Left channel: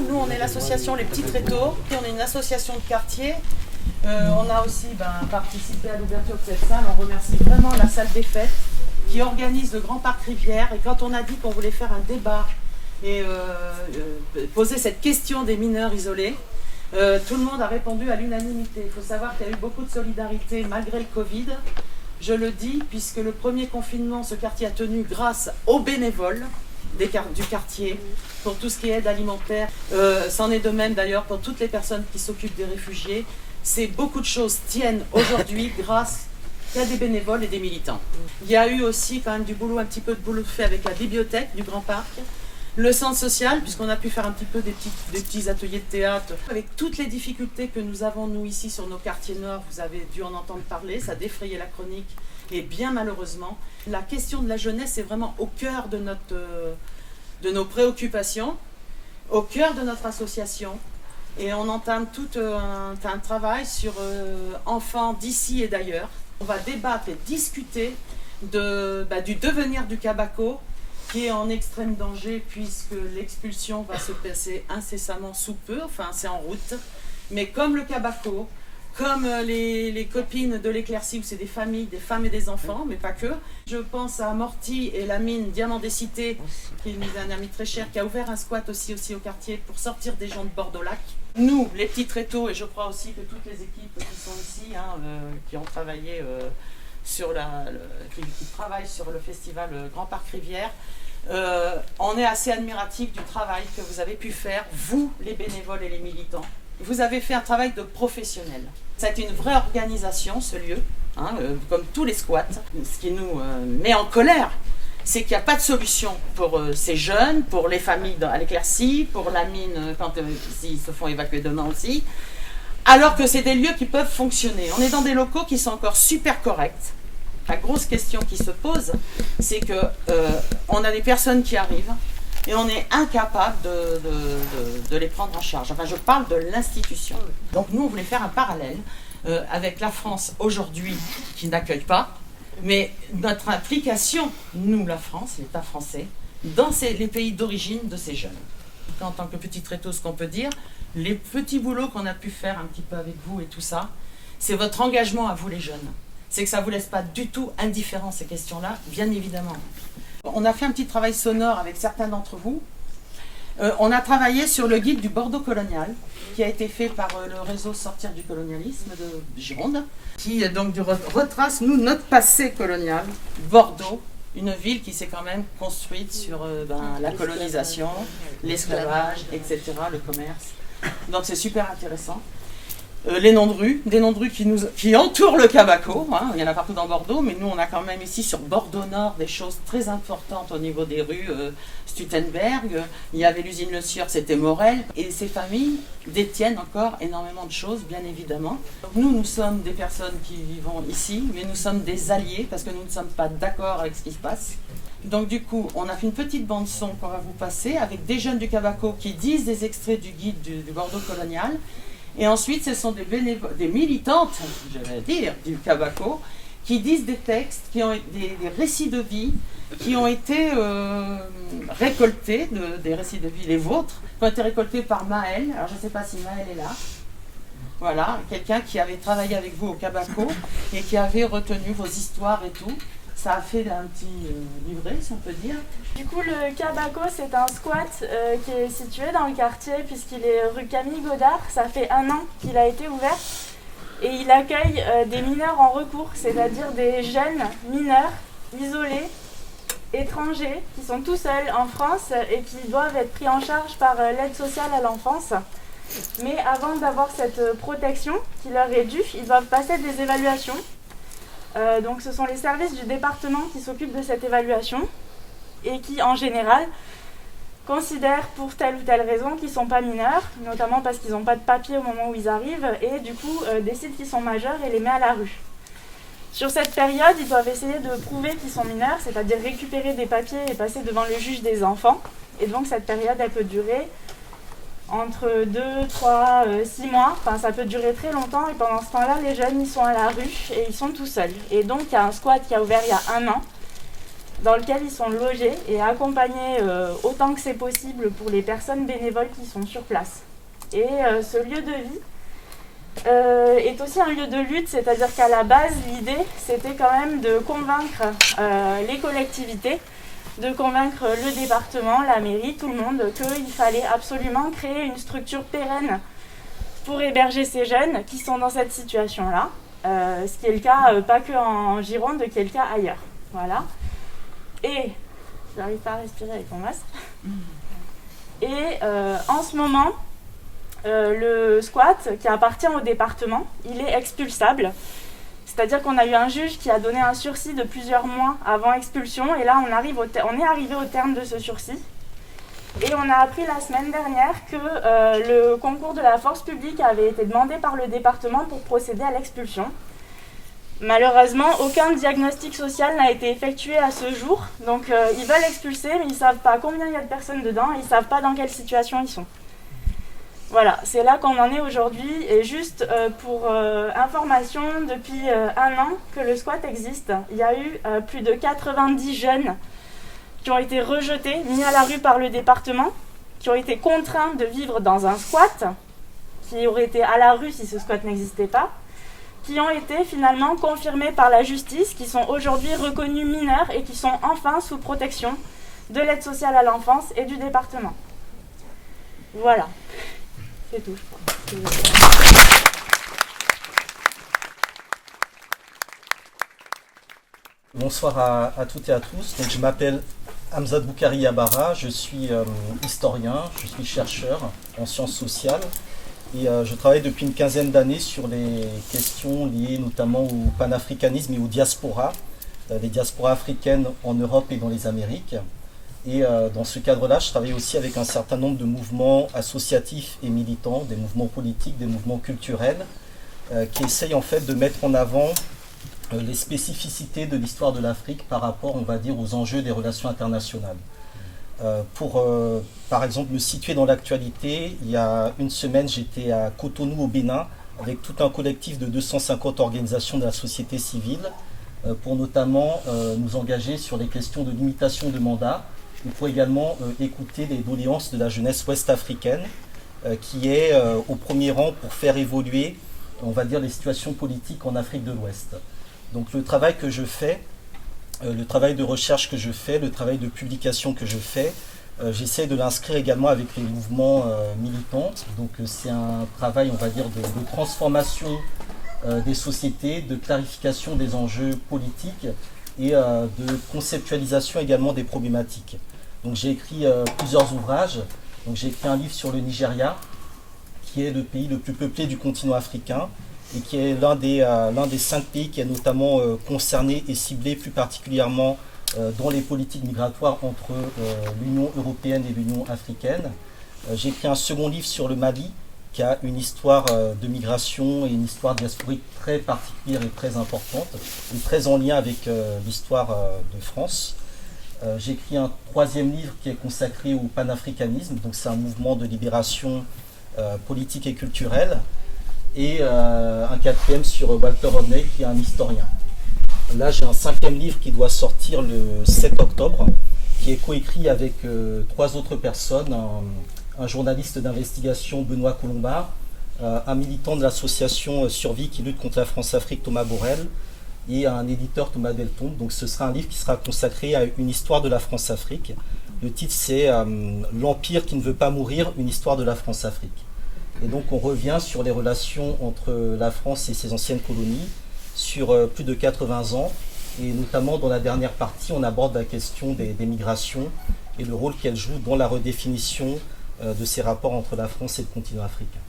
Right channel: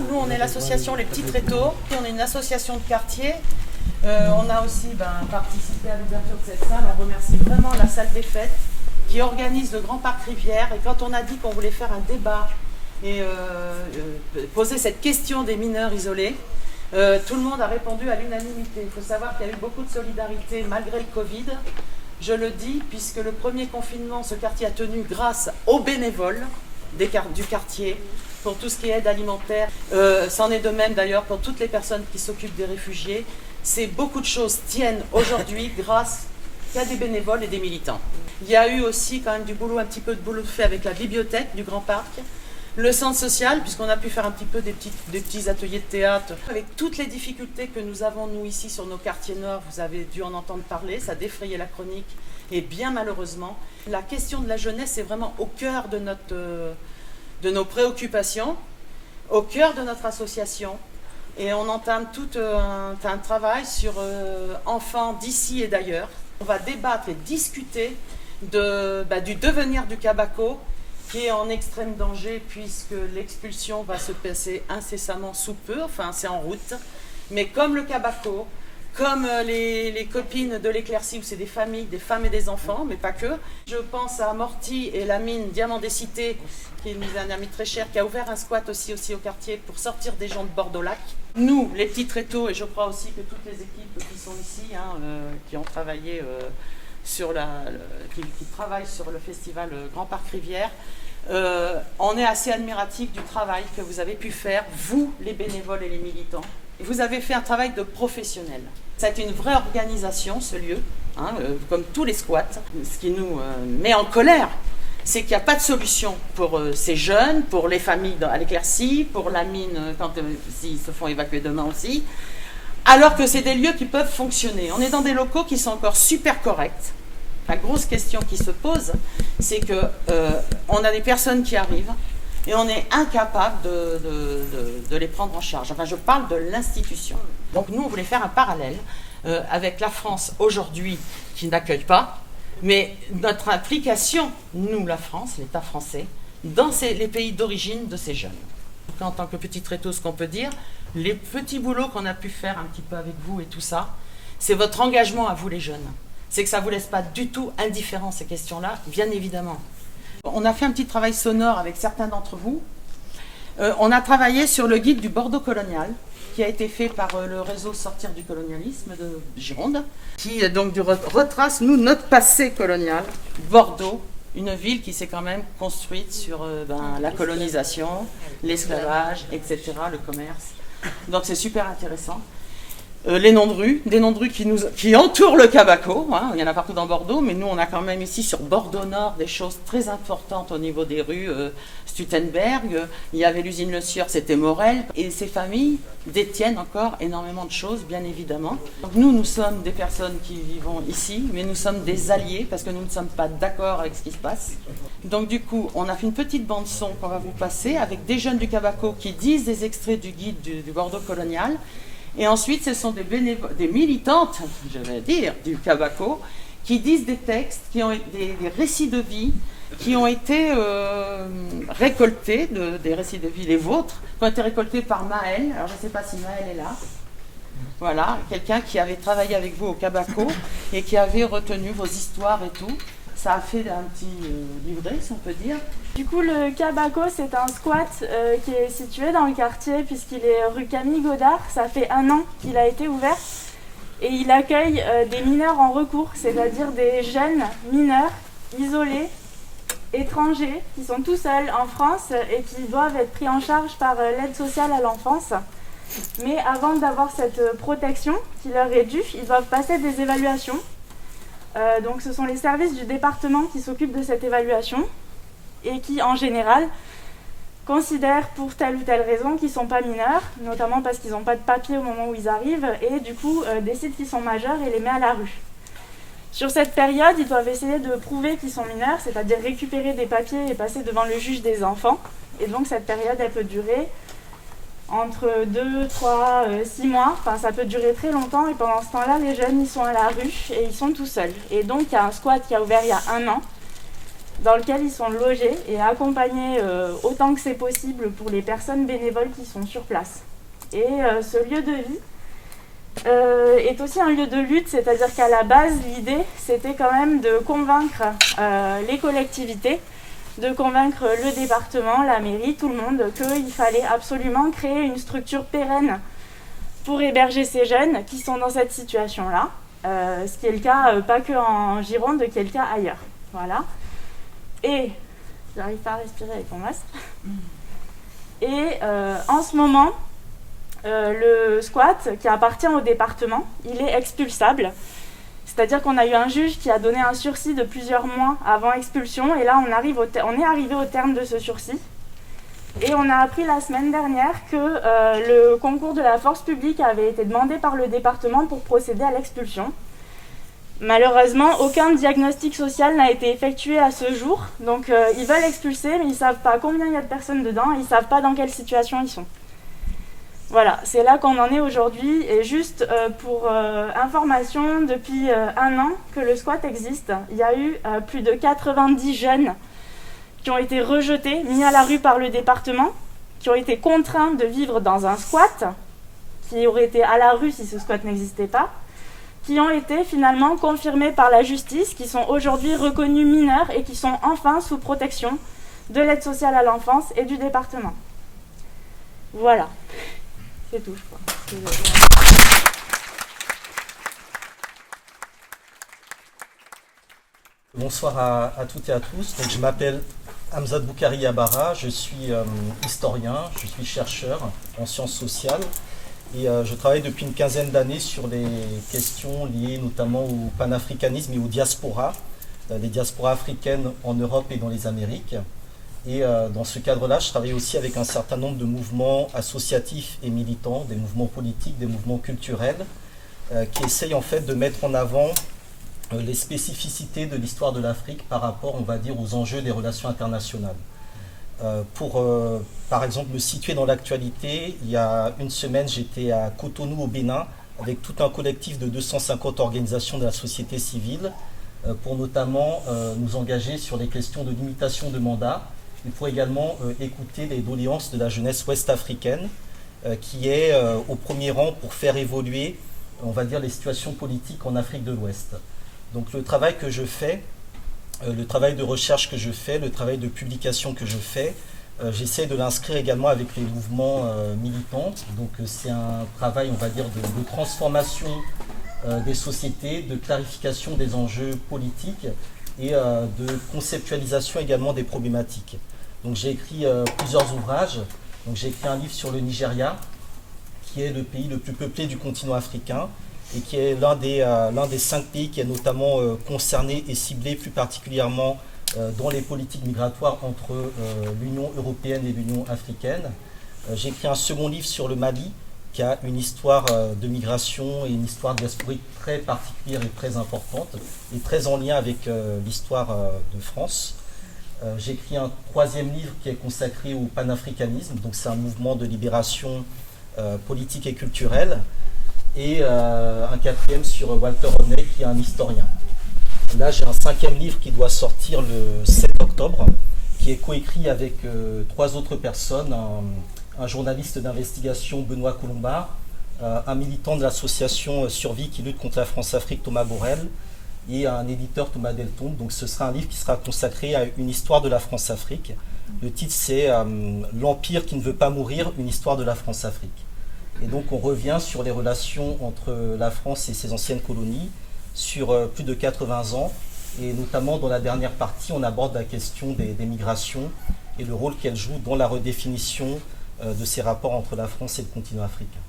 Nous, on est l'association Les Petits Tréteaux, on est une association de quartier. On a aussi participé à l'ouverture de cette salle. On remercie vraiment la salle des fêtes qui organise le Grand Parc Rivière. Et quand on a dit qu'on voulait faire un débat et poser cette question des mineurs isolés, tout le monde a répondu à l'unanimité. Il faut savoir qu'il y a eu beaucoup de solidarité malgré le Covid. Je le dis puisque le premier confinement, ce quartier a tenu grâce aux bénévoles du quartier pour tout ce qui est aide alimentaire. C'en est de même d'ailleurs pour toutes les personnes qui s'occupent des réfugiés. Beaucoup de choses tiennent aujourd'hui grâce à des bénévoles et des militants. Il y a eu aussi quand même un petit peu de boulot fait avec la bibliothèque du Grand Parc, le centre social, puisqu'on a pu faire un petit peu des petits ateliers de théâtre. Avec toutes les difficultés que nous avons, nous, ici, sur nos quartiers nord, vous avez dû en entendre parler, ça défrayait la chronique, et bien malheureusement, la question de la jeunesse est vraiment au cœur de nos préoccupations, au cœur de notre association. Et on entame tout un travail sur enfants d'ici et d'ailleurs. On va débattre et discuter du devenir du Cabaco, qui est en extrême danger puisque l'expulsion va se passer incessamment sous peu, enfin c'est en route. Mais comme le Cabaco, comme les copines de l'Éclaircie, où c'est des familles, des femmes et des enfants, mais pas que. Je pense à Morty et la mine Diamant des Cités, qui est un ami très cher, qui a ouvert un squat aussi au quartier pour sortir des gens de Bordeaux-Lac. Nous, les petits tréteaux, et je crois aussi que toutes les équipes qui sont ici, qui ont travaillé qui travaillent sur le festival Grand Parc Rivière, on est assez admiratifs du travail que vous avez pu faire, vous, les bénévoles et les militants. Vous avez fait un travail de professionnel. Ça a été une vraie organisation, ce lieu, comme tous les squats. Ce qui nous met en colère, c'est qu'il n'y a pas de solution pour ces jeunes, pour les familles à l'Éclaircie, pour la mine quand s'ils se font évacuer demain aussi, alors que c'est des lieux qui peuvent fonctionner. On est dans des locaux qui sont encore super corrects. La grosse question qui se pose, c'est qu'on a des personnes qui arrivent et on est incapable de les prendre en charge. Enfin, je parle de l'institution. Donc nous, on voulait faire un parallèle avec la France aujourd'hui qui n'accueille pas, mais notre implication, nous, la France, l'État français, dans les pays d'origine de ces jeunes. En tant que petit tréteau, ce qu'on peut dire, les petits boulots qu'on a pu faire un petit peu avec vous et tout ça, c'est votre engagement à vous les jeunes. C'est que ça ne vous laisse pas du tout indifférents ces questions-là, bien évidemment. On a fait un petit travail sonore avec certains d'entre vous. On a travaillé sur le guide du Bordeaux colonial, qui a été fait par le réseau Sortir du colonialisme de Gironde, qui donc retrace, nous, notre passé colonial, Bordeaux, une ville qui s'est quand même construite sur la colonisation, l'esclavage, etc., le commerce. Donc c'est super intéressant. Les noms de rues, des noms de rues qui entourent le Cabaco, il y en a partout dans Bordeaux, mais nous on a quand même ici sur Bordeaux Nord des choses très importantes au niveau des rues. Stutenberg, il y avait l'usine Le Sieur, c'était Morel, et ces familles détiennent encore énormément de choses, bien évidemment. Nous sommes des personnes qui vivons ici, mais nous sommes des alliés parce que nous ne sommes pas d'accord avec ce qui se passe. Donc du coup, on a fait une petite bande son qu'on va vous passer avec des jeunes du Cabaco qui disent des extraits du guide du Bordeaux colonial. Et ensuite, ce sont des militantes, je vais dire, du Cabaco, qui disent des textes, qui ont des récits de vie, qui ont été récoltés, des récits de vie, les vôtres, qui ont été récoltés par Maëlle. Alors, je ne sais pas si Maëlle est là. Voilà, quelqu'un qui avait travaillé avec vous au Cabaco et qui avait retenu vos histoires et tout. Ça a fait un petit livret, si on peut dire. Du coup, le Cabaco, c'est un squat qui est situé dans le quartier puisqu'il est rue Camille Godard. Ça fait 1 an qu'il a été ouvert et il accueille des mineurs en recours, c'est-à-dire des jeunes mineurs isolés, étrangers, qui sont tout seuls en France et qui doivent être pris en charge par l'aide sociale à l'enfance. Mais avant d'avoir cette protection qui leur est due, ils doivent passer des évaluations. Donc ce sont les services du département qui s'occupent de cette évaluation et qui, en général, considèrent pour telle ou telle raison qu'ils ne sont pas mineurs, notamment parce qu'ils n'ont pas de papier au moment où ils arrivent, et du coup décident qu'ils sont majeurs et les met à la rue. Sur cette période, ils doivent essayer de prouver qu'ils sont mineurs, c'est-à-dire récupérer des papiers et passer devant le juge des enfants. Et donc cette période, elle peut durer entre 2, 3, 6 mois, enfin ça peut durer très longtemps et pendant ce temps-là, les jeunes ils sont à la rue et ils sont tout seuls. Et donc il y a un squat qui a ouvert il y a 1 an dans lequel ils sont logés et accompagnés autant que c'est possible pour les personnes bénévoles qui sont sur place. Et ce lieu de vie est aussi un lieu de lutte, c'est-à-dire qu'à la base, l'idée, c'était quand même de convaincre les collectivités, de convaincre le département, la mairie, tout le monde, qu'il fallait absolument créer une structure pérenne pour héberger ces jeunes qui sont dans cette situation-là, ce qui est le cas, pas que en Gironde, qui est le cas ailleurs. Voilà. Et, j'arrive pas à respirer avec mon masque. Et en ce moment, le squat qui appartient au département, il est expulsable. C'est-à-dire qu'on a eu un juge qui a donné un sursis de plusieurs mois avant expulsion. Et là, on est arrivé au terme de ce sursis. Et on a appris la semaine dernière que le concours de la force publique avait été demandé par le département pour procéder à l'expulsion. Malheureusement, aucun diagnostic social n'a été effectué à ce jour. Donc ils veulent expulser, mais ils ne savent pas combien il y a de personnes dedans, et ils ne savent pas dans quelle situation ils sont. Voilà, c'est là qu'on en est aujourd'hui. Et juste pour information, depuis 1 an que le squat existe, il y a eu plus de 90 jeunes qui ont été rejetés, mis à la rue par le département, qui ont été contraints de vivre dans un squat, qui auraient été à la rue si ce squat n'existait pas, qui ont été finalement confirmés par la justice, qui sont aujourd'hui reconnus mineurs et qui sont enfin sous protection de l'aide sociale à l'enfance et du département. Voilà, c'est tout, je crois. Bonsoir à toutes et à tous. Donc, je m'appelle Hamzat Boukari Yabara, je suis historien, je suis chercheur en sciences sociales et je travaille depuis une quinzaine d'années sur les questions liées notamment au panafricanisme et aux diasporas, les diasporas africaines en Europe et dans les Amériques. Et dans ce cadre-là, je travaille aussi avec un certain nombre de mouvements associatifs et militants, des mouvements politiques, des mouvements culturels, qui essayent en fait de mettre en avant les spécificités de l'histoire de l'Afrique par rapport, on va dire, aux enjeux des relations internationales. Pour, par exemple, me situer dans l'actualité, il y a une semaine, j'étais à Cotonou, au Bénin, avec tout un collectif de 250 organisations de la société civile, pour notamment nous engager sur les questions de limitation de mandat, et pour également écouter les doléances de la jeunesse ouest-africaine, qui est au premier rang pour faire évoluer, on va dire, les situations politiques en Afrique de l'Ouest. Donc le travail que je fais, le travail de recherche que je fais, le travail de publication que je fais, j'essaie de l'inscrire également avec les mouvements militants. Donc c'est un travail, on va dire, de transformation des sociétés, de clarification des enjeux politiques et de conceptualisation également des problématiques. Donc j'ai écrit plusieurs ouvrages. Donc j'ai écrit un livre sur le Nigeria, qui est le pays le plus peuplé du continent africain, et qui est l'un des 5 pays qui est notamment concerné et ciblé plus particulièrement dans les politiques migratoires entre l'Union européenne et l'Union africaine. J'ai écrit un second livre sur le Mali, qui a une histoire de migration et une histoire diasporique très particulière et très importante, et très en lien avec l'histoire de France. J'ai écrit un 3e livre qui est consacré au panafricanisme, donc c'est un mouvement de libération politique et culturelle, et un 4e sur Walter Rodney, qui est un historien. Là, j'ai un 5e livre qui doit sortir le 7 octobre, qui est coécrit avec 3 autres personnes, un journaliste d'investigation, Benoît Colombard, un militant de l'association Survie qui lutte contre la France-Afrique, Thomas Borel, et un éditeur, Thomas Deltombe. Donc ce sera un livre qui sera consacré à une histoire de la France-Afrique. Le titre, c'est L'Empire qui ne veut pas mourir, une histoire de la France-Afrique. Et donc on revient sur les relations entre la France et ses anciennes colonies sur plus de 80 ans, et notamment dans la dernière partie, on aborde la question des migrations et le rôle qu'elles jouent dans la redéfinition de ces rapports entre la France et le continent africain.